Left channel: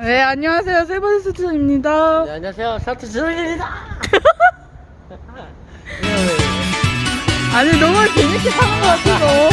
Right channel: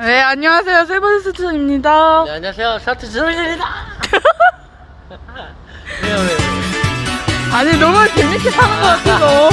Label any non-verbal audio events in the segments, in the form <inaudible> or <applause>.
네, 안녕하세요. 세븐스트입니다. 네, 안녕하세요. 샤트 지성입니다. 왜요, 왜요? 아니, 너무 재밌게 타는 것 같아서.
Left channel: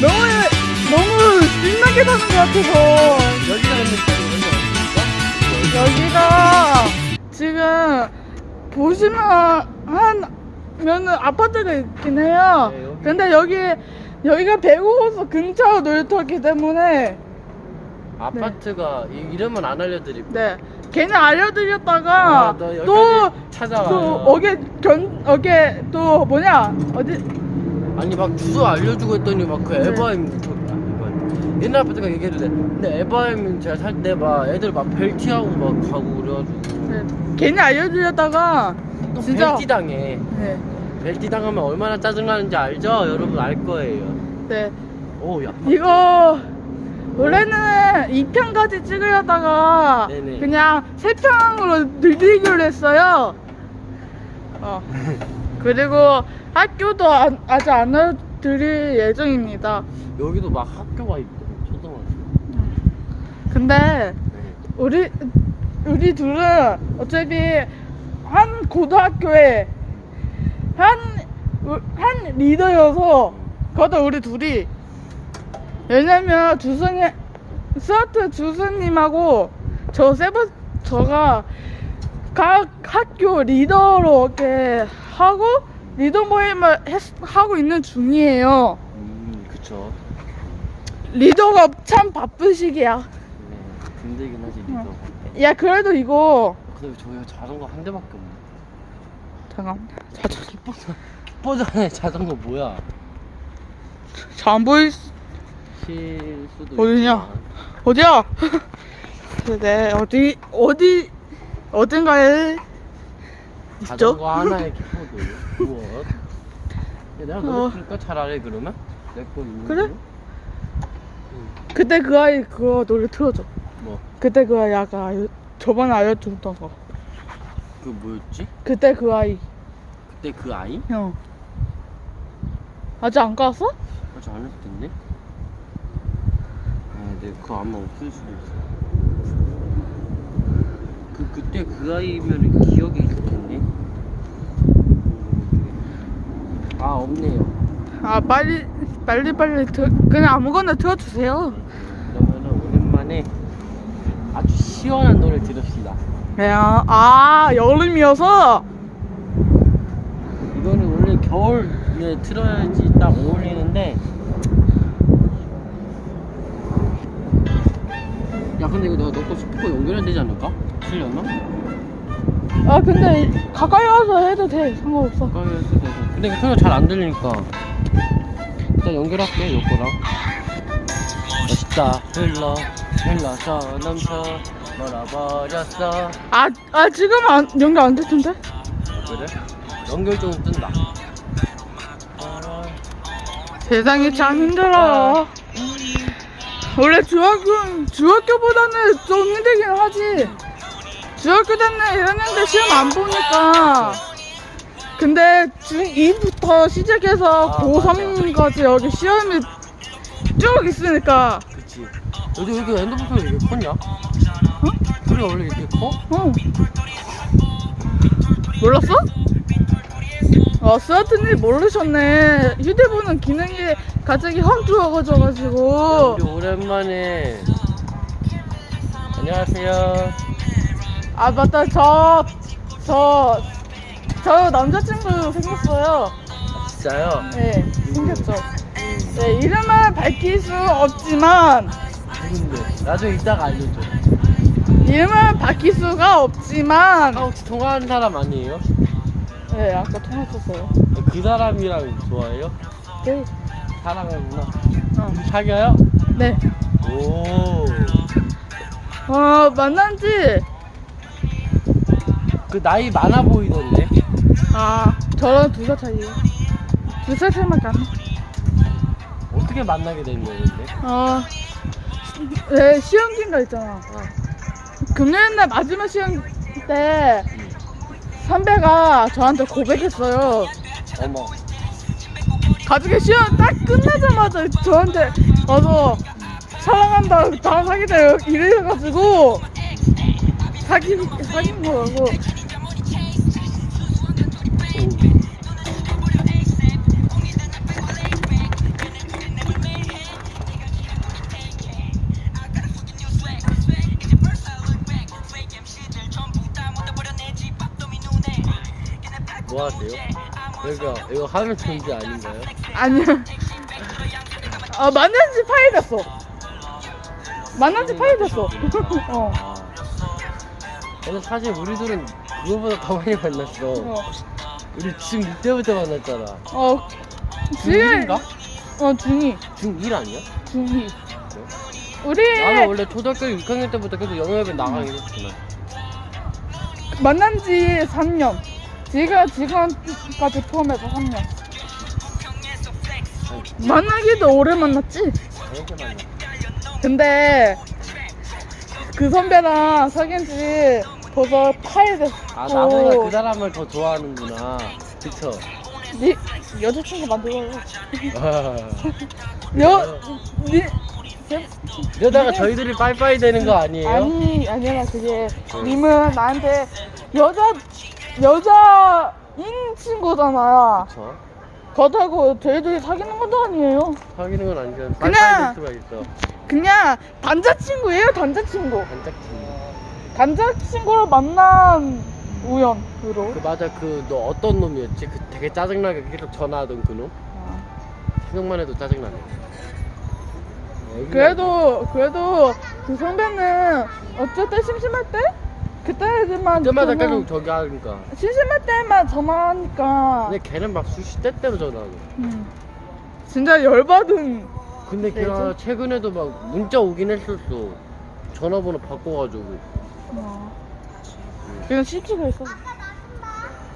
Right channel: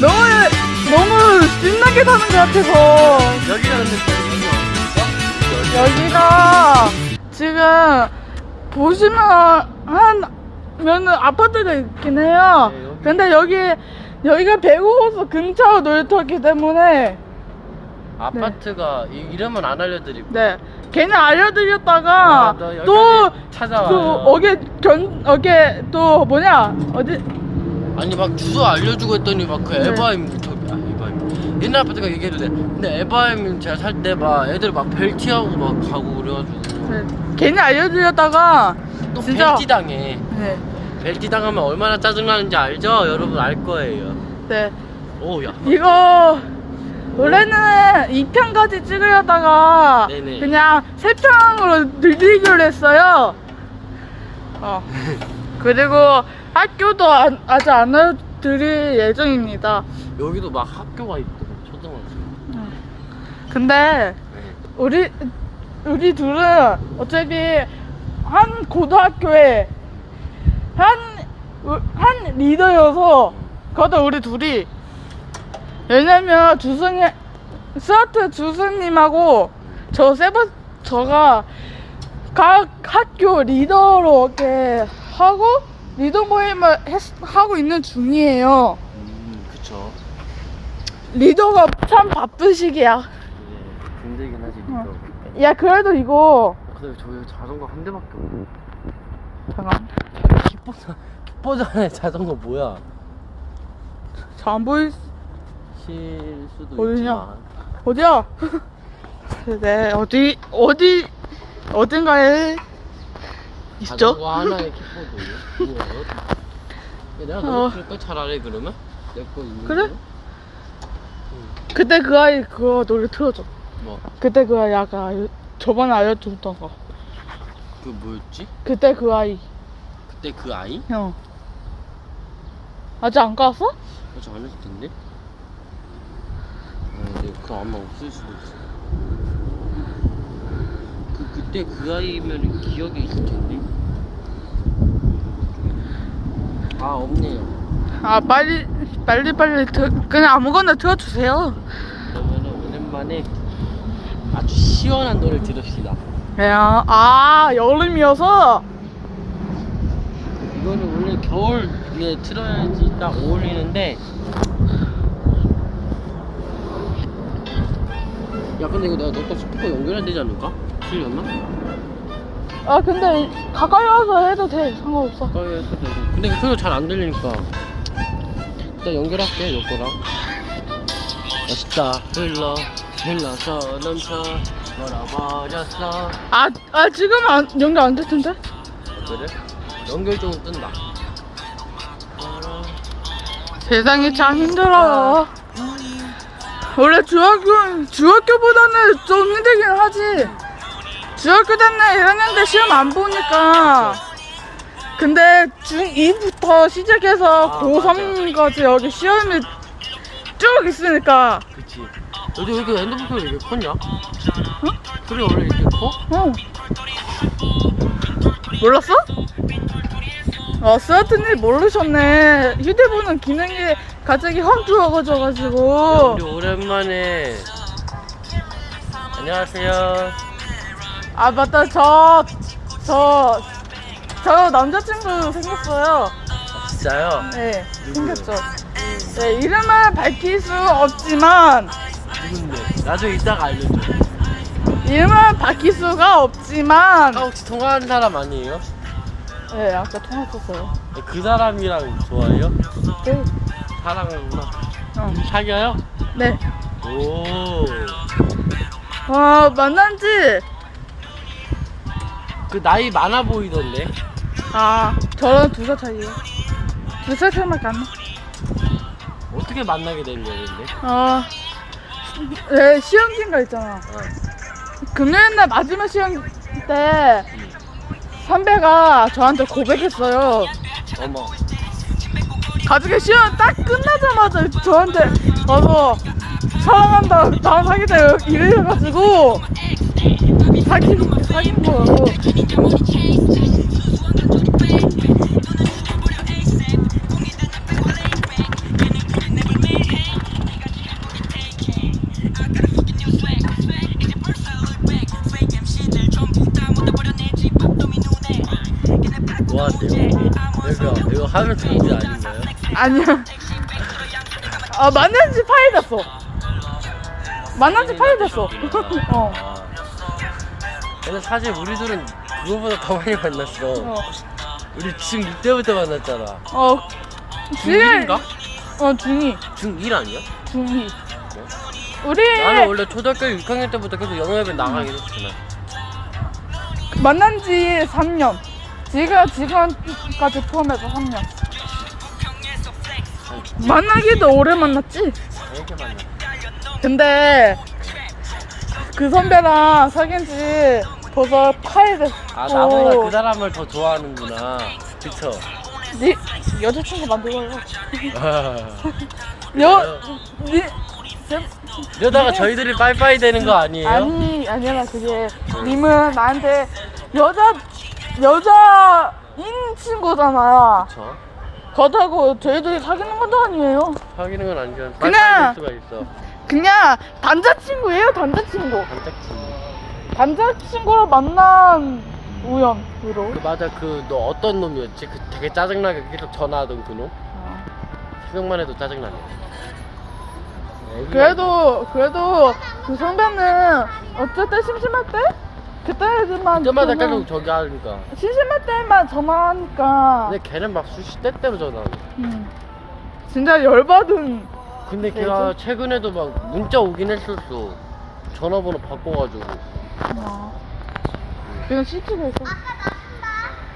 너무, 너무 신나게 타는 것 같아서. 여기가 근데 여기가 지금 보시면 한, 면 아파트가 있긴 해요. 네. 근데 여기, 여기가 배구호수 근처 놀이터기 때문에, 아파트가 이, 이름은 안 알려드리고. 네. 괜히 알려드렸다가, 아, 나 여기까지 또, 찾아와요. 또, 어게, 견, 어게, 또, 뭐냐, 어디, 아니 막 주소 알려주고 했더니 막 그 네. 에바임. 옛날 아파트가 얘기했는데 근데 에바임 제가 살 때 막 애들 막 벨티하고 막 가고 그래가지고 네. 괜히 알려드렸다가, 또 진짜. 벨티 당해. 네. 벨티 당하면 얼마나 짜증나는지 알죠? 여러분 알 거예요. 네. 오야. 이거 원래는 2편까지 찍으려다가 네네. 그냥 3편으로 늘리기로 했어요. 어. <laughs> 그리고 학교도 안- 아직 안 알려드릴 예정입니다. 여기도 막 학교가 있고 초등학교. 근데 네. 우리 우리 둘은 어차피 한 고등학교에 한, 한 리더여서 그것도 우리 둘이 왜냐면 주선이 스와트 주선님하고 저 세버 저가 각 학교 리더로 이렇게 하고 리더 모임을 했- 하고 있는 중이에요. 음, 그쵸. 리더가 참 바쁜 시기야. 예, 힘들긴 하지, 어. 이거. 야 그래도 이거 근데 저기 자전거 한 대밖에 없네. 잠깐 자전거 킥보드, 킥보드에 자전거 뭐야? 잘 안 보이 실 수도 어디냐? 있지만. 어디야? <laughs> 네 어디 어디 어딘가에 있죠? 자전거 하나에 킥보드. 뭐야? 내가 어. 그럴까 차라리 그러면? 내거 있는 그래? 거? 그때 그 아이 그거 노래 틀어줘. 뭐? 그때 그 아이 아까 알- 저번에 알려줬던 거. 그 뭐였지? 그때 그 아이. 그때 그 아이? 어. 아직 안 갔어? 아직 안 했을 텐데? 아, 근데 그거 아마 없을 수도 있어. 그, 그때 그 아이면 기억이 있을 텐데? 아, 없네요. 아 빨리 빨리 빨리 들 그냥 아무거나 틀어주세요. 그러면은 오랜만에 아주 시원한 노래 들읍시다. 그냥 아 여름이어서 이거는 원래 겨울에 틀어야지 딱 어울리는데 근데 이거 내가 너거 스피커 연결해야 되지 않을까? 틀렸나? 아 근데 가까이 와서 해도 돼 상관없어. 근데 그냥 잘안 들리니까 일단 연결할게 너 거랑 멋있다 흘러 흘러서 넘쳐 멀어버렸어 아, 아 지금 안 연결 안될 텐데? 그래? 연결 좀 뜬다 세상이 참 힘들어요. 원래 중학교, 중학교보다는 좀 힘들긴 하지. 중학교 때는 1학년 때 시험 안 보니까. 근데 중2부터 시작해서 고3까지 여기 시험이 쭉 있으니까. 그치 너도 왜 이렇게 핸드폰 소리 이렇게 컸냐? 어? 소리 원래 이렇게 커? 어. 몰랐어? 아, 스와트님 모르셨네. 휴대폰은 기능이 갑자기 확 좋아져가지고. 우리 오랜만에 안녕하세요 아, 맞다. 저, 저, 저 남자친구 생겼어요. 아, 진짜요? 네, 생겼죠. 음, 네, 이름은 밝힐 수 없지만, 누군데? 나중에 이따가 알려줘 이름은 밝힐 수가 없지만, 아 혹시 통화하는 사람 아니에요? 네, 아까 통화했었어요. 그 사람이랑 좋아해요? 네, 사랑하구나 어, 사귀어요? 네. 오. 어, 만난 지, 그 나이 많아 보이던데. 아, 저랑 두 살 차이에요. 두 살 차이밖에 안 나. 어떻게 만나게 된 거는데? 어, 네, 시험기인가 있잖아. 어. 금요일 날 마지막 시험 때 선배가 저한테 고백했어요. 어머. 가족의 시험 딱 끝나자마자 저한테 와서 사랑한다 나 사귀다 이래가지고 사귄 사귄 거라고 뭐 하세요? 이거 이거 하면 정지 아닌가요? 아니야 아 만난 지 8일 됐어 만난 지 8일 됐어 <laughs> 어, 아. 근데 사실 우리 둘은 그거보다 더 많이 만났어. 어. 우리 중6 때부터 만났잖아. 어 중1인가? 어 중2 중1 아니야? 중2 우리 나는 원래 초등학교 6학년 때부터 계속 영역에 나가긴 했잖아. 만난 지 3년 지가 지금까지 포함해서 3년 만나기도 오래 만났지 되게 만났어. 근데 그 선배랑 사귄 지 벌써 8일 됐어 아 나보다 그 사람을 더 좋아하는구나. 그쵸? 네 여자친구 만들어요 아. <laughs> 여... 네... 제- 이러다가 저희들이 빠이빠이 되는 거 아니에요? 아니 아니라 그게 님은 나한테 여자 여자인 친구잖아요 그쵸? 그렇다고 저희들이 사귀는 것도 아니에요 사귀는 건 아니잖아. 그냥- 수가 있어. 그냥 단자친구예요 단자친구 단짝친구. 단자친구로 만난 우연으로 그 맞아 그 너 어떤 놈이었지? 그 되게 짜증나게 계속 전화하던 그 놈? 어. 생각만 해도 짜증나네. 애기야, 그래도 그래도 그 선배는 어쨌든 심심할 때 그때만 그때마다 전화- 계속 저기 하니까. 심심할 때만 전화하니까 근데 걔는 막 수시 때때로 전화하고. 음. 진짜 열받은 근데 네, 걔가 최근에도 막 문자 오긴 했었어. 전화번호 바꿔가지고. 어. 그냥 CT가 있어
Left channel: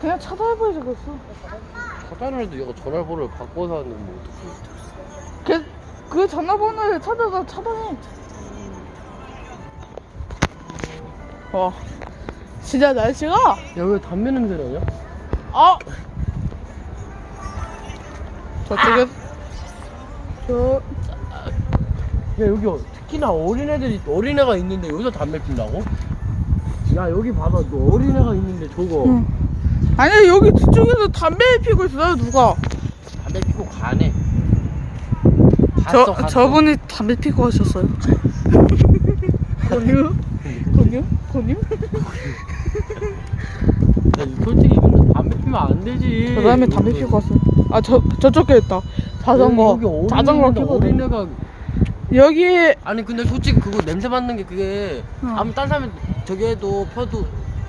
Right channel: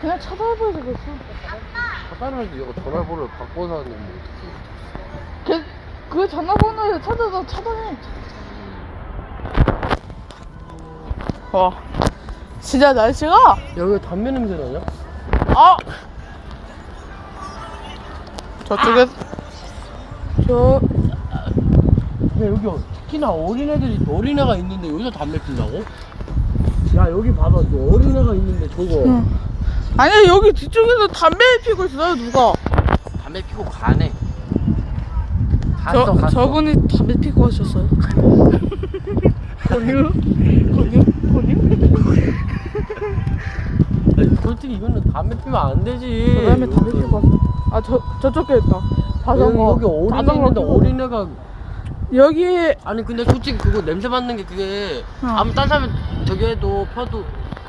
그냥 찾아봐야지 겠어 차단을 해도 얘가 전화번호를 바꿔서 하는 뭐 어떡해. 그, 그 전화번호를 찾아서 차단해 와 진짜 날씨가 야, 왜 담배 냄새 나냐? 아 저쪽에 저 야, 여기 어- 특히나 어린애들이, 어린애가 있는데 여기서 담배 핀다고? 야, 여기 봐봐. 너 어린애가 있는데 저거. 응. 아니 여기 뒤쪽에서 담배 피고 있어요 누가 담배 피고 가네. 갔어, 저 갔어. 저분이 담배 피고 하셨어요 <laughs> 권유 권유 야, <laughs> 솔직히 이거는 담배 피면 안 되지. 그 다음에 담배 피고 왔어 아 저 저쪽에 있다 자전거 여기 어린애 자전거 어린애가 여기 아니 근데 솔직히 그거 냄새 맡는 게 그게 어. 아무 딴 사람 저기 해도 펴도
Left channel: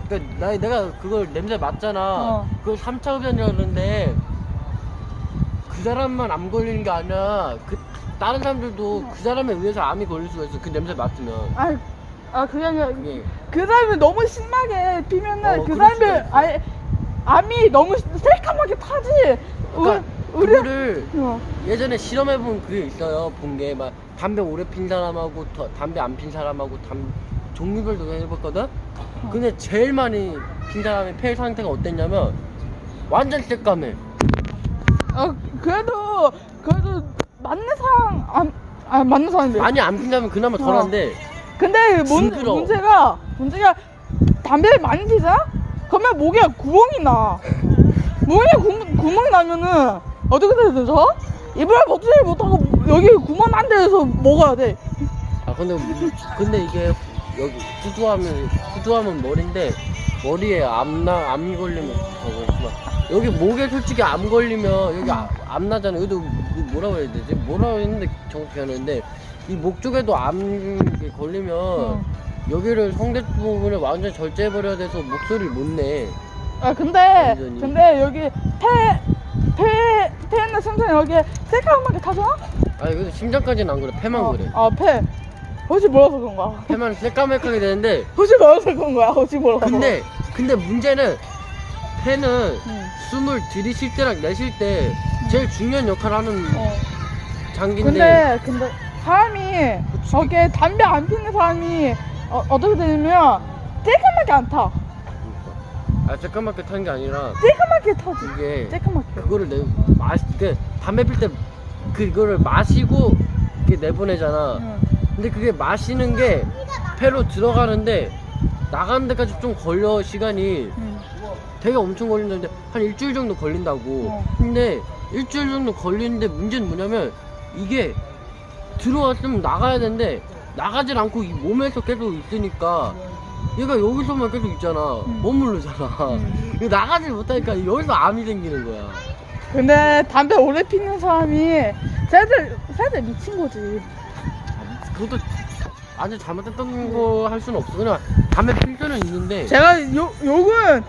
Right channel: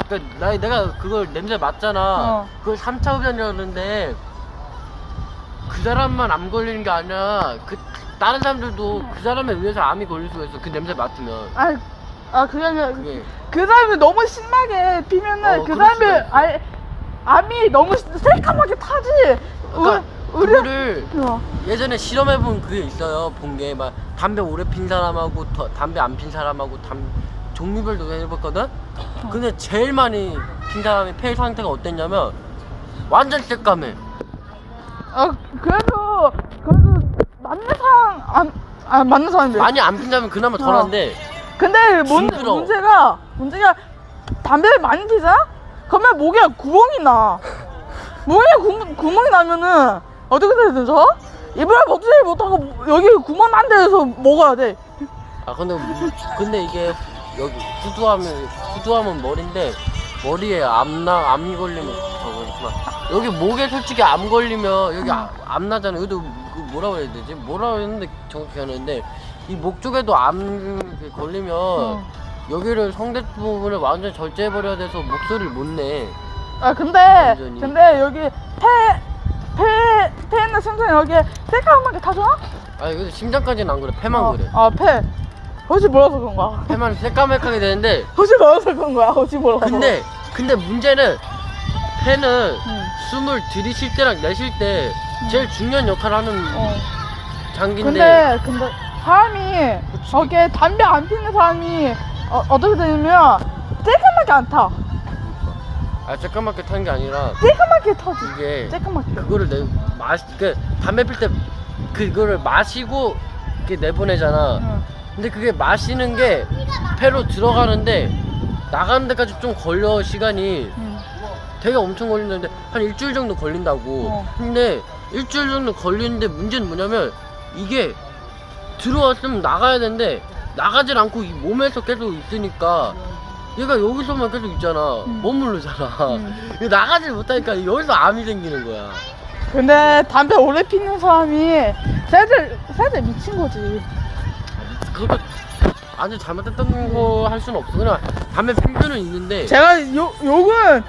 그러니까 나 내가 그걸 냄새 맡잖아. 어. 그걸 3차 흡연이라는데 그 사람만 암 걸리는 게 아니라 그 다른 사람들도 그 사람에 의해서 암이 걸릴 수가 있어. 그 냄새 맡으면. 아, 아 아니라 그게 그 사람이 너무 심하게 피면은 어, 그 그럴 사람이 있어. 아예 암이 너무 새까맣게 타지 그러니까 우- 우리- 그거를 어. 예전에 실험해본 그게 있어요. 본 게 막 담배 오래 핀 사람하고 더- 담배 안 핀 사람하고 담 종류별로 해봤거든. 근데 제일 많이 핀 사람의 폐 상태가 어땠냐면 완전 새까매. 아 그래도 그래도 맞는 사람 안, 아 맞는 사람인데 많이 안 핀다면 그나마 덜한데 근데 문. 문제가 문제가 담배를 많이 피잖아? 그러면 목에 구멍이 나 목에 구, 구멍이 나면은 어떻게 해야 되죠? 입을 먹지 못하고 여기 구멍 난 데에서 먹어야 돼 아 근데 근데 이게 여기 후두하면 후두하면 머리인데 머리에 암나 암 걸리면 저거 막 여기 목에 솔직히 암 걸리면 여기 아- 암 나잖아. 여기도 그 뭐라고 해야 되지? 뭐라고 했는데 정확히 안 했는데 이 목 쪽에도 암 걸리면 어. 여기를 성대 부분을 완전 절제해 버려야 돼서 목소리를 못 내. 아 근데 완전히. 근데 여기 폐폐 폐는 심장 여기에 새까맣게 타잖아? 아 이거 심장까지는 안 그래. 폐만 어, 그래. 아 폐. 혹시 몰라서 그런 거야. 폐만 새까맣게 되는데 혹시 몰라서 그런 거야. 혹시 몰라서. 근데 근데 문제는 폐는 응. 숨을 들이쉴 때랑 내쉴 때 제일 중요한 역할을 하는 어. 장기인데 근데 근데 사람이 저게 담배 안 피는 사람이 어, 어떻게 되냐면 새까맣게 안 타. 아 새까맣게 타는 게 아니라 새까맣게 타지. 이게 새까맣게. 그거를 내 마시 그 담배 필 때 그거를 마시고 이렇게 내보내잖아 응. 근데 그게 마시는 게 폐로 들어가는데 나가는 데까지 좀 걸려 시간이 응. 되게 엄청 걸리는데 한 일주일 정도 걸린다고. 어. 근데 일주일 정도 걸리는데 문제는 뭐냐면 이게 들어왔으면 나가야 되는데 나가질 않고 이 몸에서 계속 있으니까 얘가 여기서만 계속 있잖아. 음. 머무르잖아. 음. 나가질 못하니까 여기서 암이 생기는 거야. 근데 담배 오래 피는 사람이 세대 세대 미친 거지. 그것도 아주 잘못했던 거 할 수는 없어. 그냥 담배 필 때는 있는데 제가 욕 욕은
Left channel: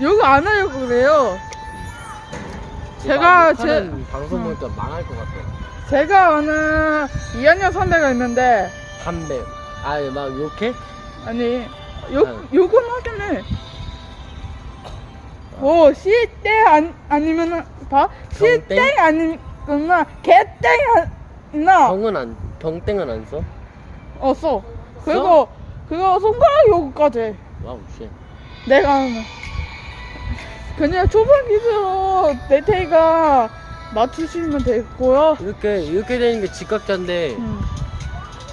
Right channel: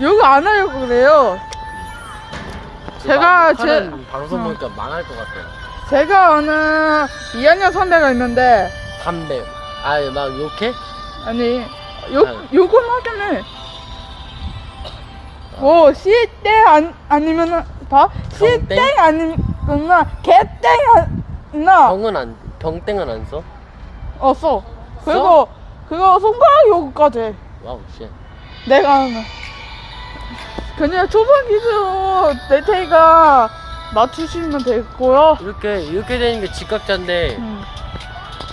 욕을 안 하려고 그래요. 그거 제가 제- 방송 어. 보니까 망할 것 같아. 제가 아는 2학년 선배가 있는데 담배. 아예 막 욕해? 아니 욕 아유. 욕은 해. 뭐 시땡 안 아니면은 봐? 시땡 아니면은 개땡 아니나 병은 안 병땡은 안 써? 어 써. 그리고 그거 손가락 욕까지 와우 쉣. 내가 하는. 그냥 초반 기준으로 네테이가 맞추시면 되고요. 이렇게 이렇게 되는 게 직각자인데 음.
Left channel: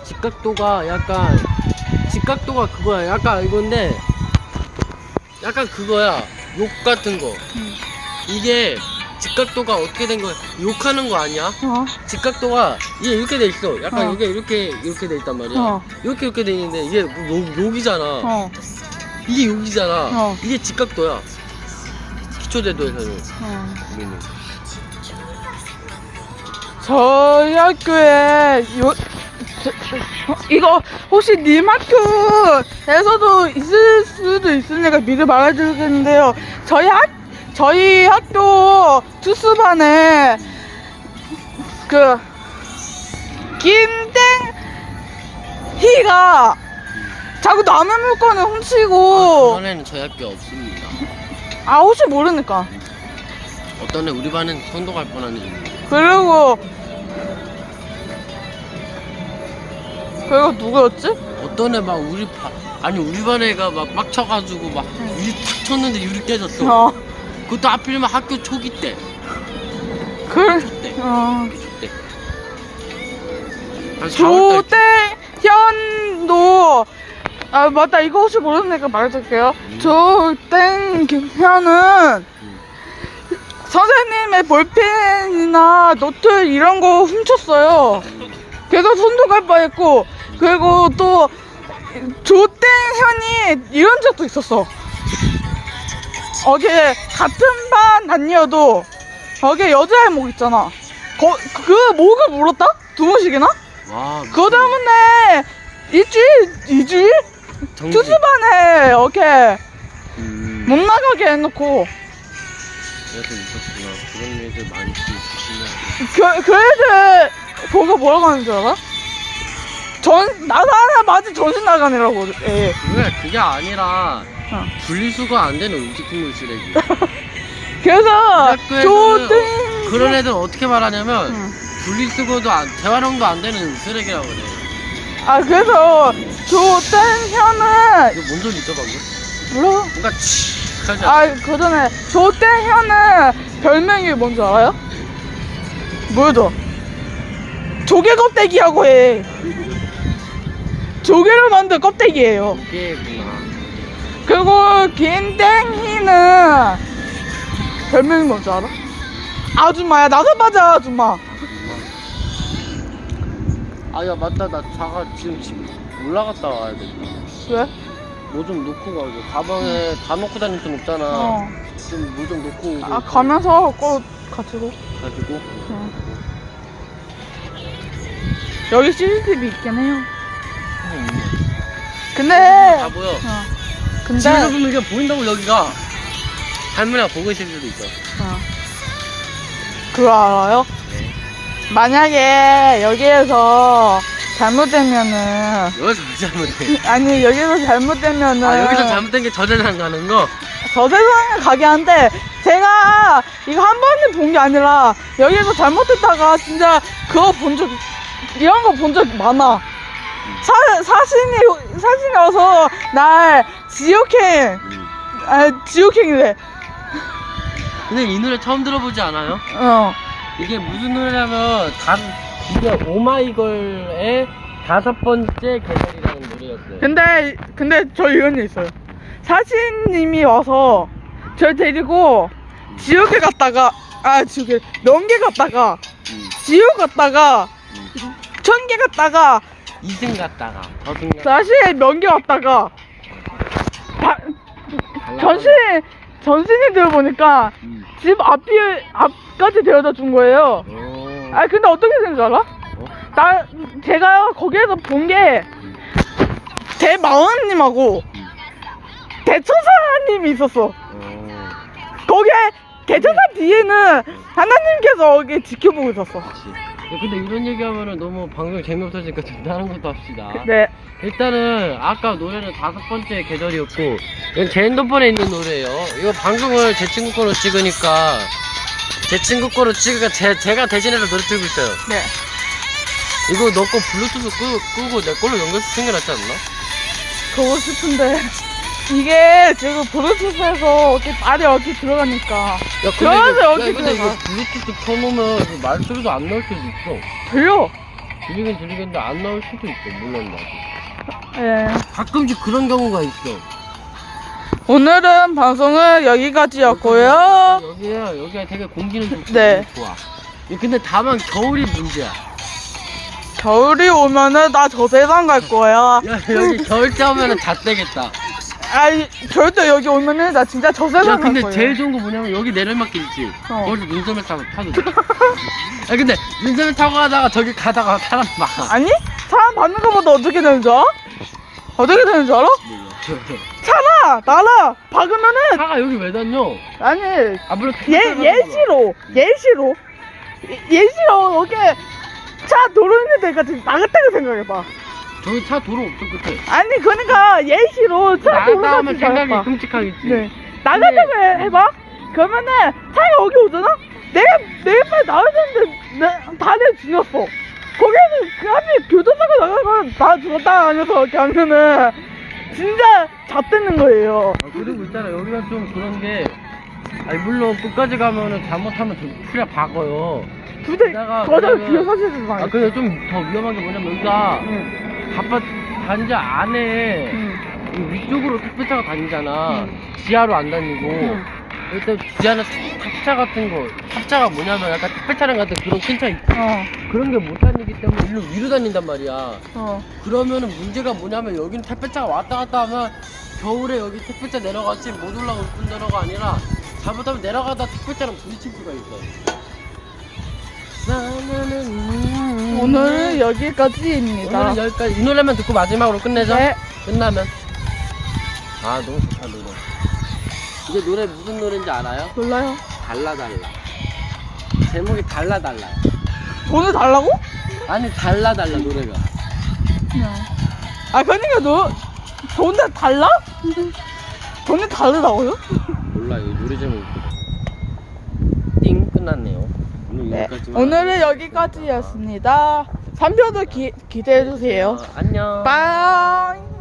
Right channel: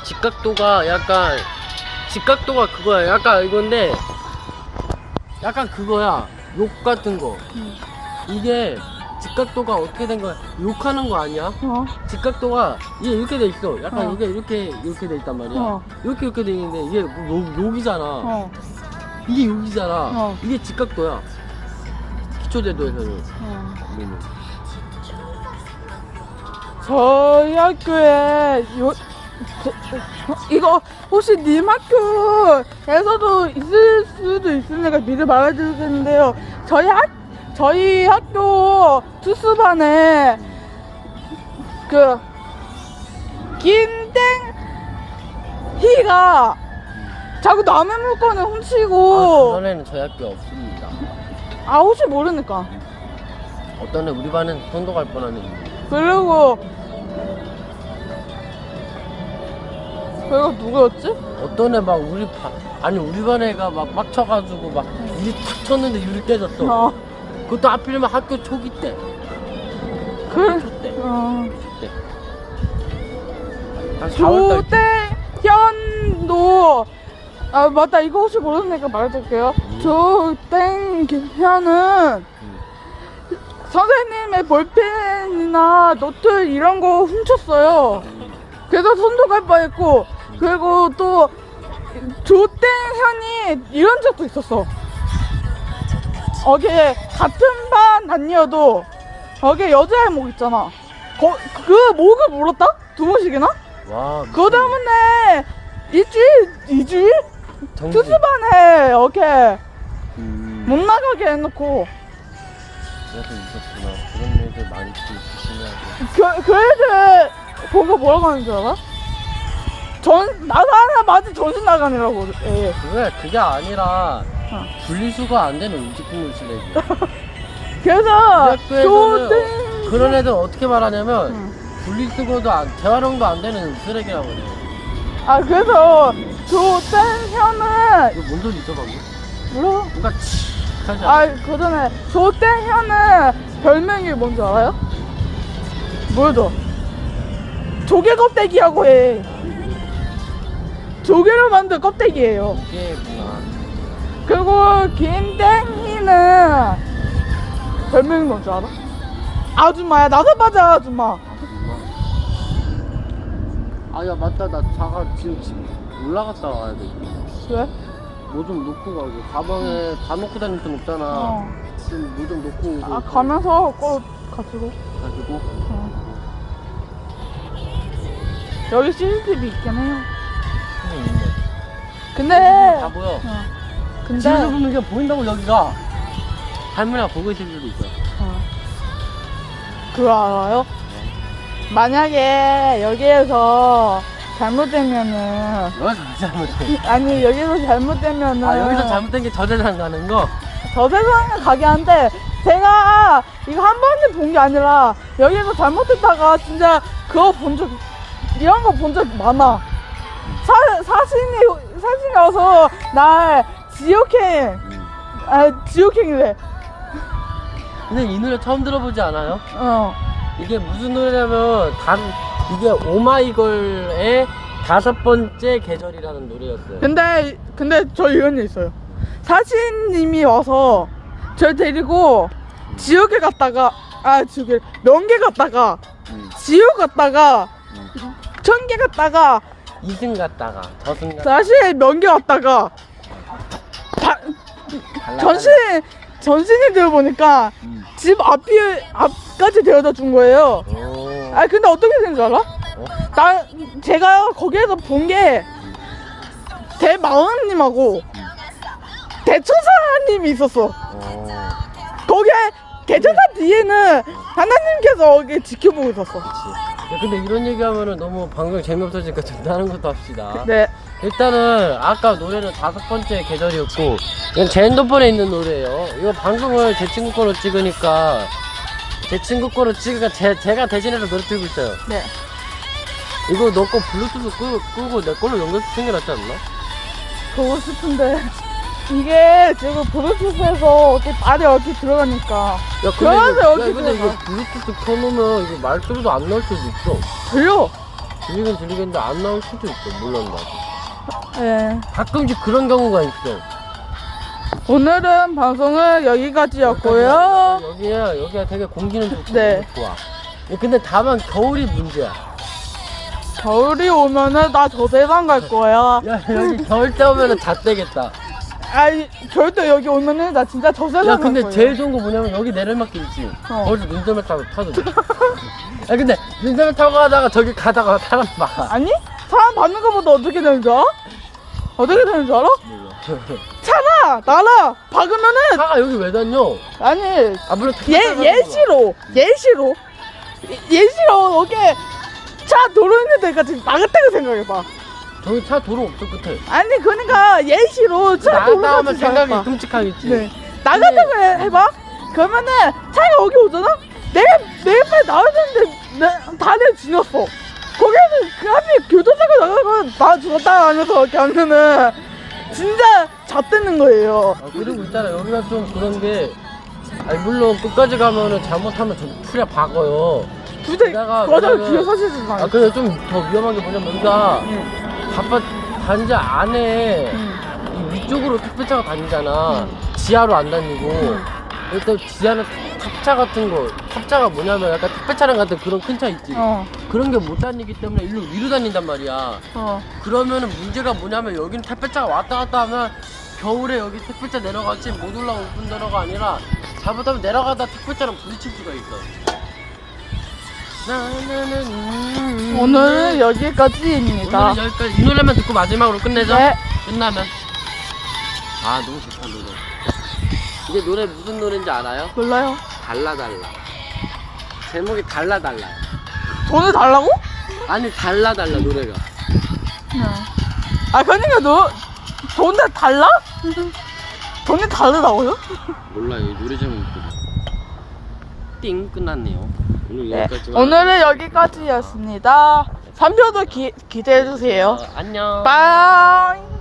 직각도가 약간 직각도가 그거야. 약간 이건데 약간 그거야. 욕 같은 거. 음. 이게 직각도가 어떻게 된 거야? 욕하는 거 아니야? 어. 직각도가 이게 이렇게 돼 있어. 약간 어. 이게 이렇게 이렇게 돼 있단 말이야. 어. 이렇게 이렇게 돼 있는데 이게 뭐 욕, 욕이잖아. 어. 이게 욕이잖아. 어. 이게 직각도야. 기초제도에서는 어. 우리는. 저희 학교에 요 저- 어, 이거 혹시 님 학교에서도 있을 수도 있으니까 미리 말해드리겠는데요. 저희 학 저희 학교 투수반에 그 김땡희가 자꾸 남의 물건을 아, 훔치고 그전에는 저희 학교 없습니다. 아 혹시 모르니까 어떤 애 우리 반은 선도 갈 뻔한 애. 그리고 그리고 누구였지? 어떤 애 막 우리 반 아니 우리 반 애가 막 빡쳐가지고 막 유리 탁 쳤는데 유리 깨졌어. 어 그것도 하필이면 학교 초기 때. 그 때. 어. 때. 한 4월 달. 조땡현도 아 맞다 이거 혹시 모르니까 말해줄게요. 음. 조땡현은 음. 선생님의 볼펜이나 노트 이런 거 훔쳤어요. 그래서 손도 갈 뻔했고 그리고 또 조땡 현이 이런 적도 있었어. 어게 같은 반 다니어도 어게 여자애 목 있잖아. 거, 그 목을 물었다? 두 번씩이나? 와. 그거 때문에 일주일, 이주일? 정지. 투수반에 어게 음. 못 나가게 해놓고 그래서 있었구나. 그런 애들 많지 조심해야 돼. 그, 그 애들 보고 뭐라고 하는 줄 알아? 전, 나도 하나 맞은 정신 나가느라고, 예. 그게 그게 아니라 어. 분리수거 안 되는 음식물 쓰레기. <laughs> 그래서, 학교에서는 조등. 그런 애들 어떻게 말하냐면 응. 분리수거도 안, 재활용도 안 되는 쓰레기라고 그래. 아, 그래서, 조땡현은, 이거 뭔 소리죠 방금? 몰라. 뭔가 치 하지 않아? 아, 그 전에, 조땡현은 별명이 뭔지 알아요? 뭐죠? 조개 껍데기라고 해. 조개를 만든 껍데기예요. 이게구나. 그리고 김땡이는 별명이 뭔지 알아? 아줌마야 나도 맞아 아줌마 아야 맞다 나 자가 지금 집 올라갔다 와야 돼. 왜? 뭐 좀 놓고 가고 가방에 다 놓고 다닐 순 없잖아. 어. 좀 뭐 좀 놓고 오고. 아 가면서 꼭 같이 가 가지고. 여기 CCTV 있긴 해요 다 근데 보여. 어. 근데 집에서 보면 이게 보인다고 여기가. 할머니가 보고 있을 수도 있어. 어. 그거 알아요? 만약에 여기에서 잘못되면은 여기서 무슨 잘못해? 아니 여기서 잘못되면은 아 여기서 잘못된 게 저재산 가는 거? 저 세상에 가게 한데 제가 이거 한 번에 본 게 아니라 여기서 잘못했다가 진짜 그거 본 적 이런 거 본 적 많아. 사, 사진이 사진이 와서 날 지옥행 음. 아 지옥행이래. 근데 이 노래 처음 들어보지 않아요? 어. 이게 무슨 노래냐면 단 이게 오마이걸의 다섯 번째 계절이라는 노래였어요. 근데 근데 저 이런 일 있어요. 사신님이 와서 저 데리고 지옥에 갔다가 아 지옥에 명계 갔다가 음. 지옥 갔다가 천계 갔다가 2승 갔다가 저승 갔다가 다시 명계 왔다가 다, 전신 전신이 되어 보니까 음. 집 앞이 앞까지 데려다 준 거예요. 오. 아 근데 어떻게 된줄 알아? 나 제가 거기에서 본 게 대마왕님하고 대천사님이 있었어. 오. 거기에 대천사 뒤에는 하나님께서 거기 지켜보고 있었어. 야, 근데 이런 얘기하면은 너무 방송 재미없어지니까 좀 다른 것도 합시다. 네. 일단은 아까 노래는 다섯 번째 계절이었고 이건 제 핸드폰에 있는 노래예요. 이거 방송을 제 친구 거로 찍으니까 제 친구 거로 찍으니까 제, 제가 대신해서 노래 틀고 있어요. 네. 이거 너 거 블루투스 끄, 끄고 내 걸로 게 낫지 않나? 그러고 싶은데 <laughs> 이게 지금 블루투스에서 어떻게 말이 어디 들어가니까 야 그러면 이거, 야, 근데 이거 들어가. 블루투스 켜놓으면 이거 말소리도 안 나올 수도 있어. 들려. 들리긴 들리겠는데 안 나올 수도 있어. 물론 나. 예. 가끔씩 그런 경우가 있어. 오늘은 방송은 여기까지였고요. 여기야 여기가 되게 공기는 좀 네. 좋아. 근데 다만 겨울이 문제야. 겨울이 오면은 나 저 세상 갈 거야. 야 여기 겨울 때 오면은 잣대겠다. 아이 절대 여기 오면은 나 진짜 저 세상 야 갈 근데 거야. 제일 좋은 거 뭐냐면 여기 내려막길 있지. 어. 거기서 눈썰매 타고 타도 돼. 야 근데 눈썰매 타고 가다가 저기 가다가 사람 봐. 아니 사람 받는 것보다 어떻게 되는 줄 알아? 어떻게 되는 줄 알아? 차나 나나 박으면은 차가 여기 왜 다녀? 아니 아 물론 예 예시로 예시로 예- 예시로 여기 차 도로 있는 데까지 나갔다고 생각해봐. 저기 차 도로 없어 끝에. 아니 그러니까 예시로 차 나갔다 도로까지 오면 생각이 나가봐. 끔찍하겠지. 네 나갔다고 해- 해봐. 그러면은 차가 여기 오잖아. 내가 내가 빨리 나와야 되는데 내 다리를 지났어. 거기에서 그 앞에 교통사고 나가고 나 죽었다 하면서 이렇게 하면은 진짜 잣대는 거예요. 아, 그리고 있잖아 여기가 좀 그런 게 아니 물론 끝까지 가면은 잘못하면 저 풀에 박어요. 부대 내가- 거기다 내가- 뒤에 서시지 마. 아 근데 좀 더 위험한 게 뭐냐면 여기가 응. 아파트 단지 안에 응. 위쪽으로 택배차가 다니잖아. 응. 지하로 안 다니고. 응. 일단 지하는 탑차 같은 거. 탑차가 뭐냐면 약간 택배 차량 같은 그런 큰 차 있지. 어. 그런 게 못 다니기 때문에 일로 위로 다닌단 말이야. 어. 그러면은 문제가 뭐냐면 여기는 택배차가 왔다 갔다 하면 겨울에 여기 택배차 내려갔지 못 올라올 뿐더러가 아니라 잘못하면 내려가다 택배차랑 부딪힐 수가 있어. 오늘은 여기까지입니다. 오늘 여기까지 이 노래만 듣고 마지막으로 끝내자. 네. 끝나면. 아 너무 좋다 노래. 이게 노래 무슨 노래인지 알아요? 몰라요. 달라 달라. 제목이 달라 달라. 돈을 달라고? 아니 달라 달라 노래가. 아 그러니까 너 돈을 달라? 돈이 다르다고요? 몰라요 이 노래 제목이. 띵 끝났네요. 오늘 네. 여기까지. 오늘은 여기까지였습니다. 3표도 기, 기대해주세요. 어, 안녕. 빠이.